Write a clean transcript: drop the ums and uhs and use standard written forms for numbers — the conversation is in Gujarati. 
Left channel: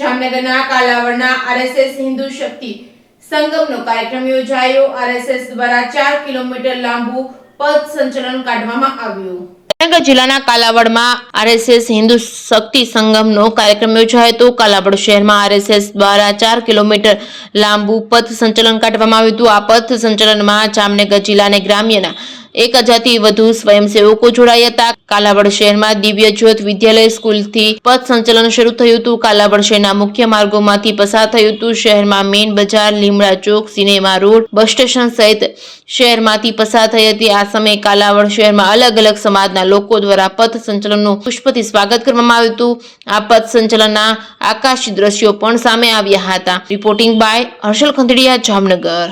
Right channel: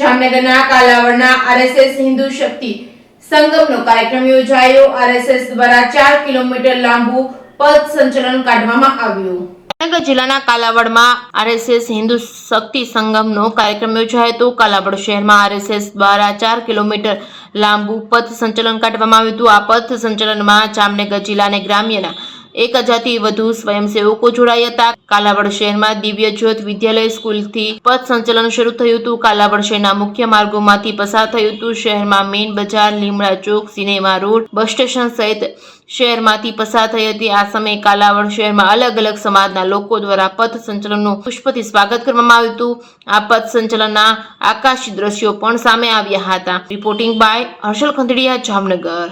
જામનગરના કાલાવડના આરએસએસ હિન્દુ શક્તિ સંગમનો કાર્યક્રમ યોજાયો। આરએસએસ દ્વારા 4 કિલોમીટર લાંબુ પદ સંચલન કાઢવામાં આવ્યું। જામનગર જિલ્લાના કાલાવડમાં આરએસએસ હિન્દુ શક્તિ સંગમનો કાર્યક્રમ યોજાયો હતો। કાલાવડ શહેરમાં આરએસએસ દ્વારા 4 કિલોમીટર લાંબુ પથ સંચલન કાઢવામાં આવ્યું હતું। આ પથ સંચલનમાં જામનગર જિલ્લાના ગ્રામ્યના 1000 થી વધુ સ્વયંસેવકો જોડાયા હતા। કાલાવડ શહેરમાં દિવ્ય જ્યોત વિદ્યાલય સ્કૂલથી પથ સંચલન શરૂ થયું હતું। કાલાવડ શહેરના મુખ્ય માર્ગોમાંથી પસાર થયું હતું। શહેરમાં મેઇન બજાર, લીમડા ચોક, સિનેમા રોડ, બસ સ્ટેશન સહિત શહેરમાંથી પસાર થઈ હતી। આ સમયે કાલાવડ શહેરમાં અલગ અલગ સમાજના લોકો દ્વારા પથ સંચલનનું પુષ્પથી સ્વાગત કરવામાં આવ્યું હતું। આ પથ સંચલનના આકાશી દ્રશ્યો પણ સામે આવ્યા હતા। Reporting by Harshal Khanderia, Jamnagar.